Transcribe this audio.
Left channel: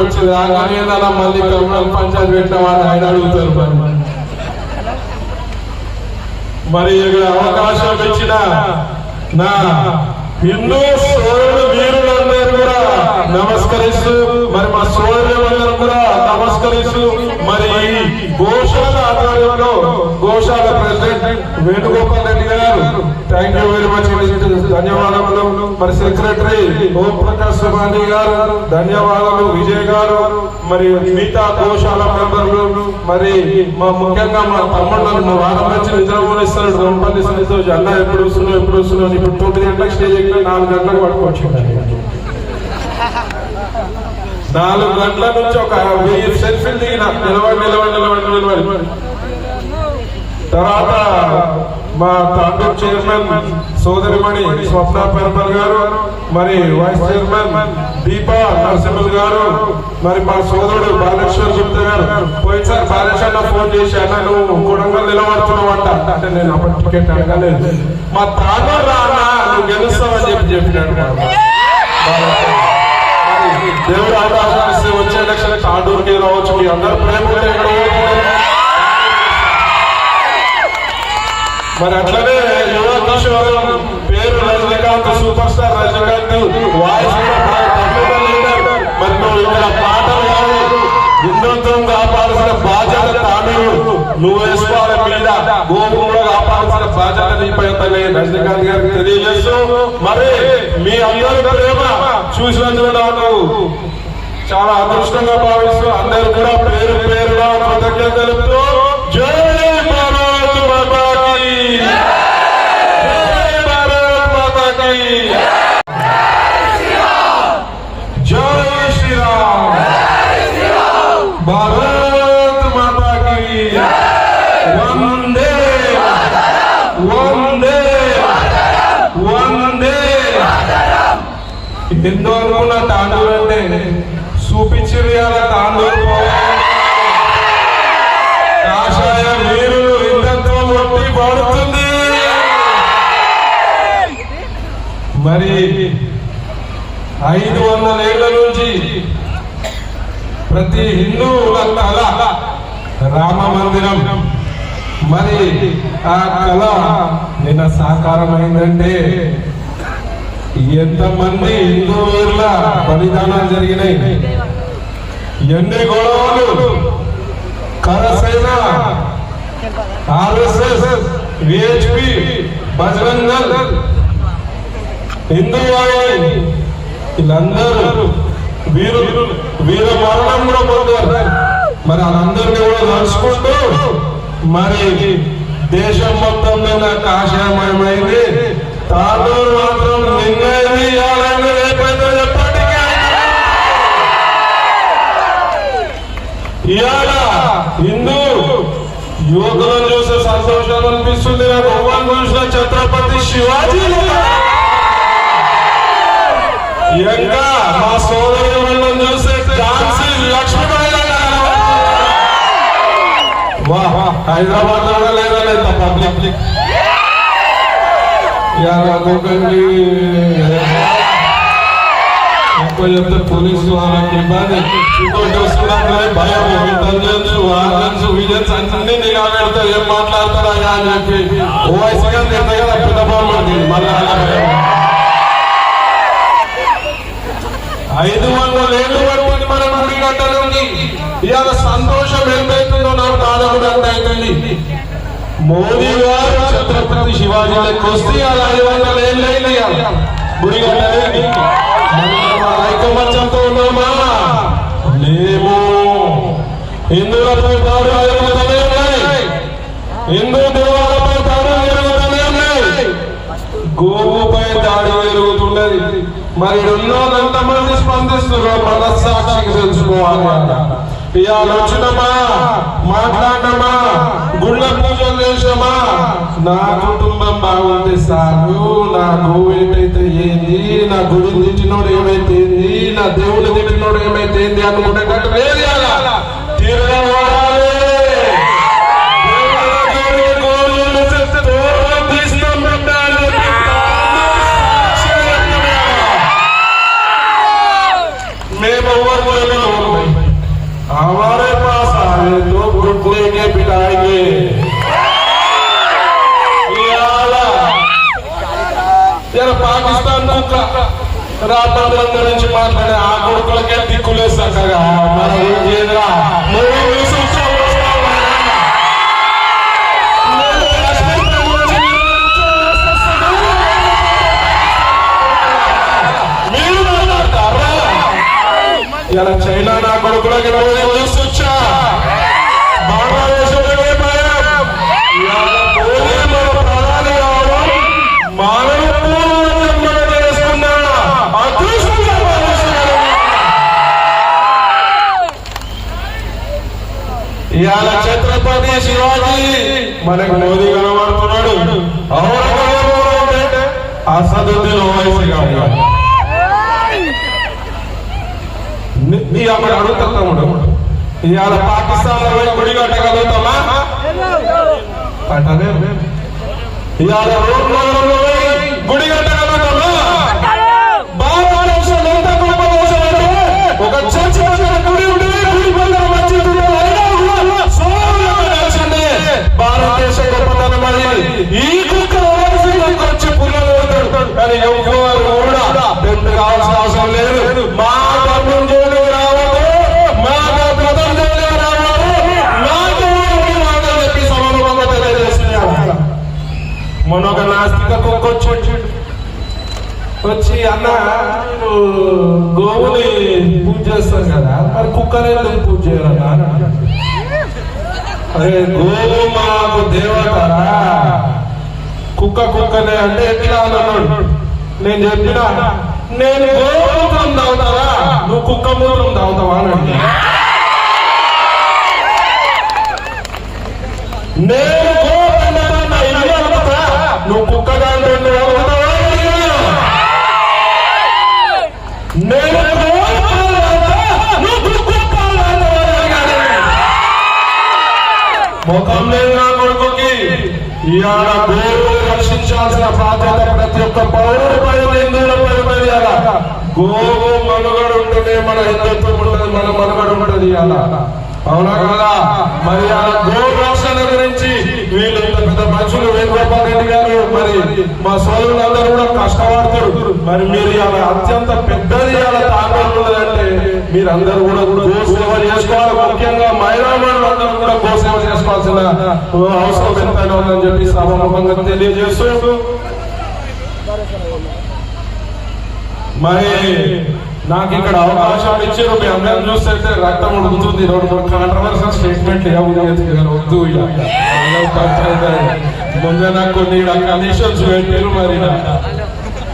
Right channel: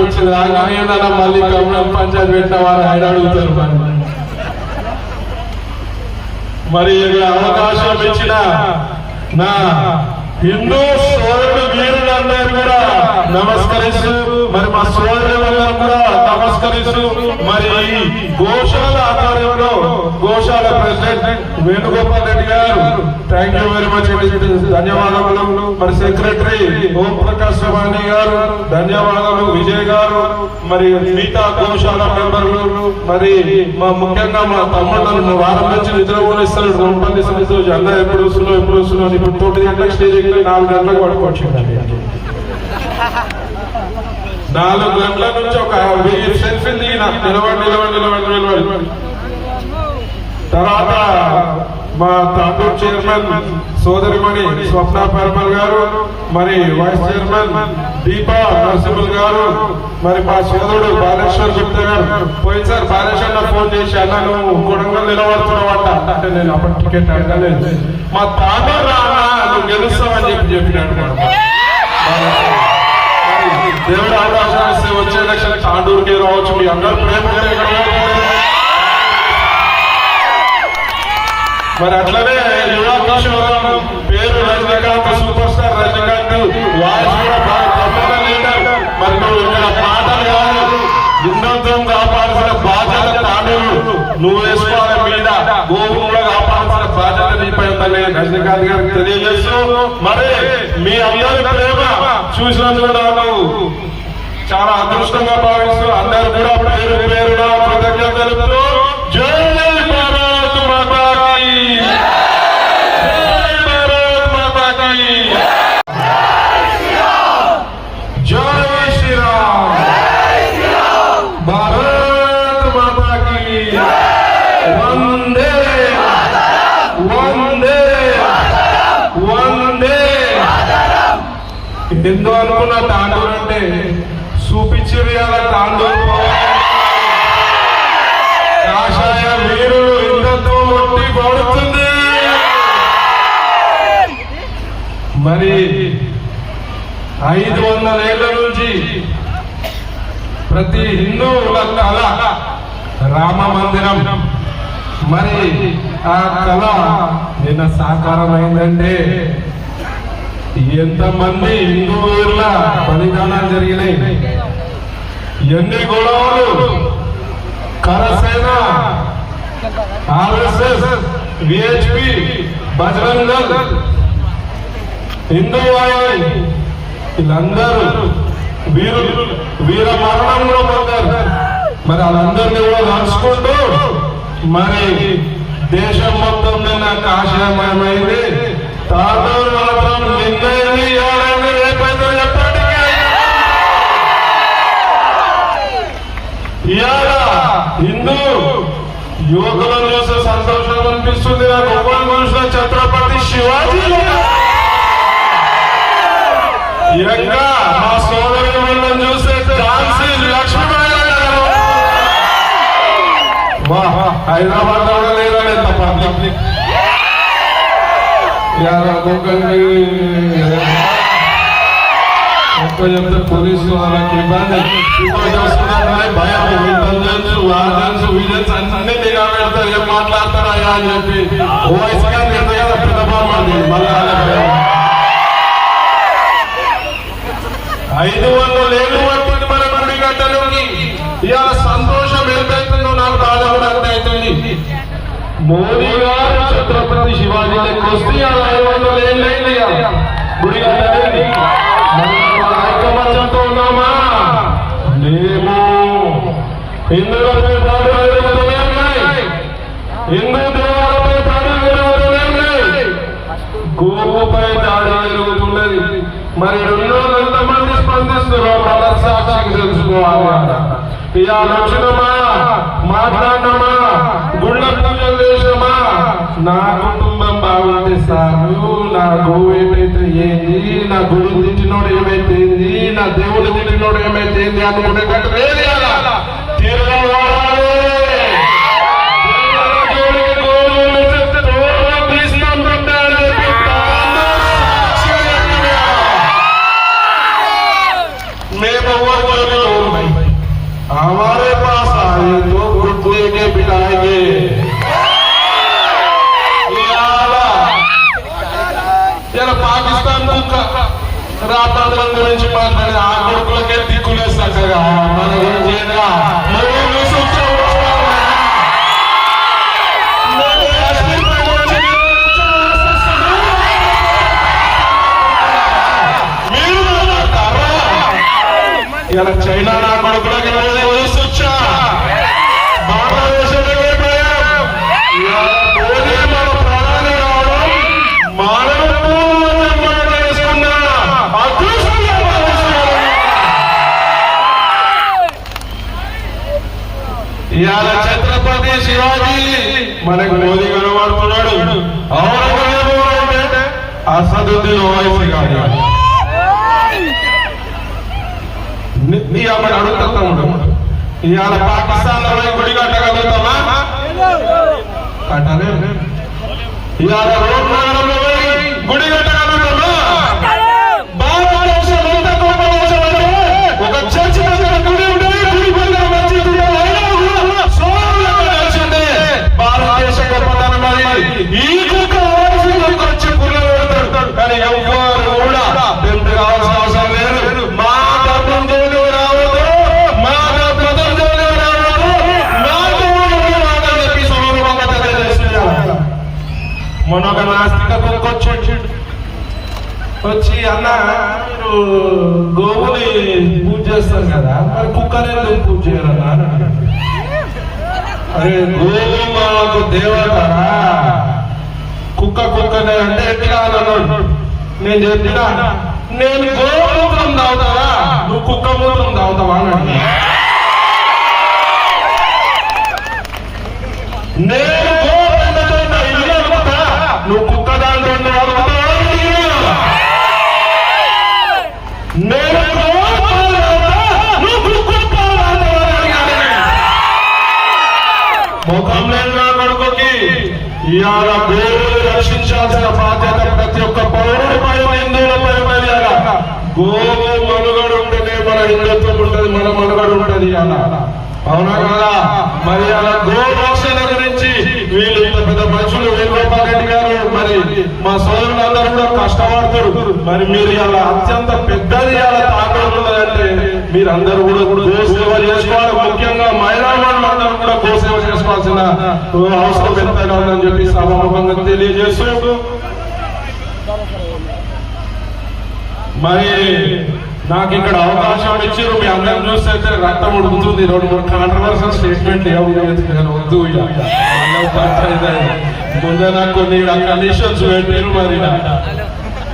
వచ్చి రాగానే మళ్ళీ కమలం పంచాయతీ పెట్టిన వారు ఆయన అడుగుతారు. మరి ఇక్కడ అవకాశం ఇచ్చిన నా హిందూ సోదరులు వీరులందరూ కూడా నమస్కరిస్తూ, మరి మా సోదరులందరూ కూడా నమస్కరిస్తూ, మరి గోశాల ఆధ్వర్యంలో గోశాల ప్రెసిడెంట్ వేణుగోపాల్ రెడ్డి గారు థ్యాంక్ యూ వెరీ మచ్ అండి, ధన్యవాదములు. మరి సెక్రటరీ ఓం ప్రకాష్ సుబాని గారు ధన్యవాదాలు, విజయ్ గారు, మరి మిగతా గోశాల మెంబర్లు, మరి మా ముఖ్యంగా మా తమ్ముళ్ళు వారం నుంచి నిద్రపోని ఇస్తారు, వంటలు ఇస్తారు, అన్న ఎప్పుడు వస్తున్నావు ఇప్పుడు 9 గంటలకు స్టేజ్ ఎక్కి 4 గంటలకు పట్టుకొచ్చిందండి. 4 గంటల నుంచి ఒక 1000 సెల్ఫీలు దిగి నాకు నిలబడి తర్వాత మా తాండూరు చైర్మన్ సోదరిమణి స్వప్న పర్పల్ గారు, మరి వైస్ చైర్మన్ దీపా నరసింహల్ గారు, మరి మా సోదరుడు బాలేశ్వర్ గుప్తా గారు పోయినసారి కార్యశాలలో ఫోన్ చేసి అన్న నువ్వు 300 నిలబడుతున్నావు అంటే నేను అప్పుడు టికెట్ అడగలేదు, మా తాండూరు రానా నువ్వు గెలుస్తావని చెప్పినట్టు. దేవుడు అవకాశం వచ్చే ఎలక్షన్ తాండూరుకే రావచ్చు, మీ అందరూ ప్రేమ. మరి అట్లనే యువ కిషోరం పేరు Rajinikanth, super star Rajinikanth voice మరి నువ్వు ఇక్కడ పాటలు హిందుత్వం కాపాడాల్సిన బాధ్యత తాండూరు నువ్వు వేసుకోవాలి, మీద గోపురంలో కాపాడాల్సిన బాధ్యత నీపైతే రజనీకాంత్ గారికి తెలియజేస్తూ, మరి మీ అందరి ప్రేమ చూసినందుకు నాకు చాలా అదృష్టంగా భావిస్తూ అందరూ కూడా పేరు పేరుగా కృతజ్ఞతలు. ఎంతో అనుకున్న తాండూరు అంటే చూపించారు కదా, తాండూరు కాషాయ వీరులు ఎంతో ఒట్టి పడుతుంది. మరి 500 ఏళ్ల నుంచి ప్రతి హిందువుల కళ రామ మందిరం, మరి ఆ కళ నిన్న సాకారమైందంటే ఎంతమంది హిందువుల బలిదానాలు జరిగినాయి, ఎన్ని గొడవలు, కరసేన, ఆర్ఎస్ఎస్, విహెచ్పి, బజరంగ దళ్, హిందూ వాహిని వీళ్ళందరూ వీర మరణంలో పొందారు. మరి వాళ్ళందరినీ కూడా నడుచుకుంటూ మరి దేశం మొత్తం మీద కాషాయమయమైంది, తాండూరు మాత్రం లింగైంది. ఇవాళ హిందూ యువకులను చూసే సంతోషం అనిపిస్తుంది. భగవాన్ చూసిన ఛత్రపతి శివాజీ, ఇంకా మా సోదరులను చూస్తే ఝాన్సీ లక్ష్మీబాయి. హైదరాబాద్ లో లేదా పబ్లిక్ చెప్తే పోలీసులు వాళ్ళకి ఇబ్బంది భయం, ఇంటెలిజెన్స్ వార్జెన్స్ విజిలెన్స్ అన్ని నిలబెడతారు, ఏం మాట్లాడతారా అని చెప్పి ఓ వయసుగా తింటే కదా పెద్దపాలండి. మళ్ళీ 500 ఏళ్ళు పట్టింది మన గుడి కట్టడానికి. ఇవాళ సంతోషం ఎంతైతుందో నాకు బాధ కూడా అర్థమవుతుంది. మోదీ గారు ఛత్రపతి శివాజీ లెక్క వస్తే 500 ఏళ్ళు అయింది గుడి కట్టడానికి. ఐకమత్యంతో ఉన్నామా లేమో. హిందువులపై దాడులు జరుగుతూనే ఉన్నాయి, హిందూ దేవాలపై దాడులు జరుగుతూనే ఉన్నాయి, గోవుపై దాడి జరుగుతున్నది. మరి ఎంతమంది స్పందిస్తున్నారు మనస్సాక్షికి తెలుసుకోవాలి. ఇవాళ వచ్చినమా, మాట్లాడినమా, గుళ్ళ పూజలు చేసినమా, నా కుటుంబం బాగుంటే సాగు, నా గోవు ఏంటైతే ఏంది, నా గుడి తిట్టినోడు ఏమైతే ఏంది, నా దేవుడు తిట్టినోడు ఏమైతే ఏంది అనుకునేటట్టు లేదు. తీరడం మేము उद्योगी लोग नहीं, हमारे पास आए तो खुद लेके बिठाएंगे। जरा पाकिस्तान को రాత్రి గురించి మాట్లాడే ఆ కొడుకులకే దిక్కులేదు చక్కగా మనం ఏం చేయాలా ఇలా చైనా నా కొడుకులకి చూసొచ్చా భారతదేశంలోకి ఇవాళ ఛత్రపతి శివాజీ మనకు మోదీ కనబడుతున్నాడు. అంటే అసదుద్దీన్ ఓవైసీ గారు నీ అక్కడ అడుగుతాడు. ఇవాళ పాకిస్తాన్ లో గుడి కట్టగలుగుతామా? కట్టలే. ఇవాళ రోడ్లలో గుడి కట్టగలుగుతామా? భారతదేశం ఎంత గొప్ప దేశం అంటే ఒక చర్చి గుడి ఉంటే గుడి పక్కన మసీదు భారతదేశ గొప్పతనం మరి ఈ కుక్క వచ్చి పుల్లలు పెడతాడు. కానీ ఎవరు కూడా పెద్ద కావాల్సిన అవసరం లేదు. మా ధర్మం జోలికి రావద్దు, మా మతం జోలికి రావద్దు, మా జోలికి రావద్దని చెప్పి సమూలంగా తెలియజేస్తున్నారు. మొన్నొక నాస్తికత్వంకి వచ్చి అన్న మీరు గోవుని పూజ చేస్తారు కదా, మరి కుక్కనే పూజ చేయరన్నా అని అన్నాడు. అరే గోవు మాకు దేవత, కుక్కనే అంటే ఎట్లా అన్నాడు. నేను చెప్పినా నేను గోమూత్రం తాగుతారా, నువ్వు కుక్క మూత్రం తాగుతావా అని అడిగా. నేను ఇల్లు అవుతుందా, నువ్వు కుక్క దాంట్లో అవుతావా అడిగా. నేను మొత్తం నేను నా కొడుకుకి ఇవాళ గోవులు రక్షించాల్సిన బాధ్యత ప్రతి ఒక్క పౌరుడిపై హిందువులపై ఉన్నది. అలా గోవు మనుగడ ఉంటేనే మన హిందుత్వం ఉంటుంది, మన మనుగడ ఉంటుంది. అలా అవునా కదా? మరి గో రక్షణ గురించి వీళ్ళు పెద్ద మనుషులు వేణుగోపాల్ రెడ్డి గారు మరి మా సోదరులందరూ కూడా కష్టపడతారు. మరి మీరు ఇలా అత్యంత పెద్దది ఇలా తాకూడదంటే మీరందరూ కూడా గోసేవ చేసుకోవాలి. ముఖ్యంగా మహిళలందరూ కూడా గోసేవ చేసుకోవాల్సిన అవసరం ఎంతైనా ఉందని చెప్పి సభాముఖంగా తెలియజేస్తూ మరి నాకు ఇక్కడ అవకాశం ఇచ్చి మీ అందరం చూస్తే రక్తం ఉడుకుతుంది. 2-3 కాంట్రవర్షియల్ స్టేట్మెంట్లు వద్దు. ముందే నాకు కొన్ని కండిషన్స్ పెట్టారు. మరి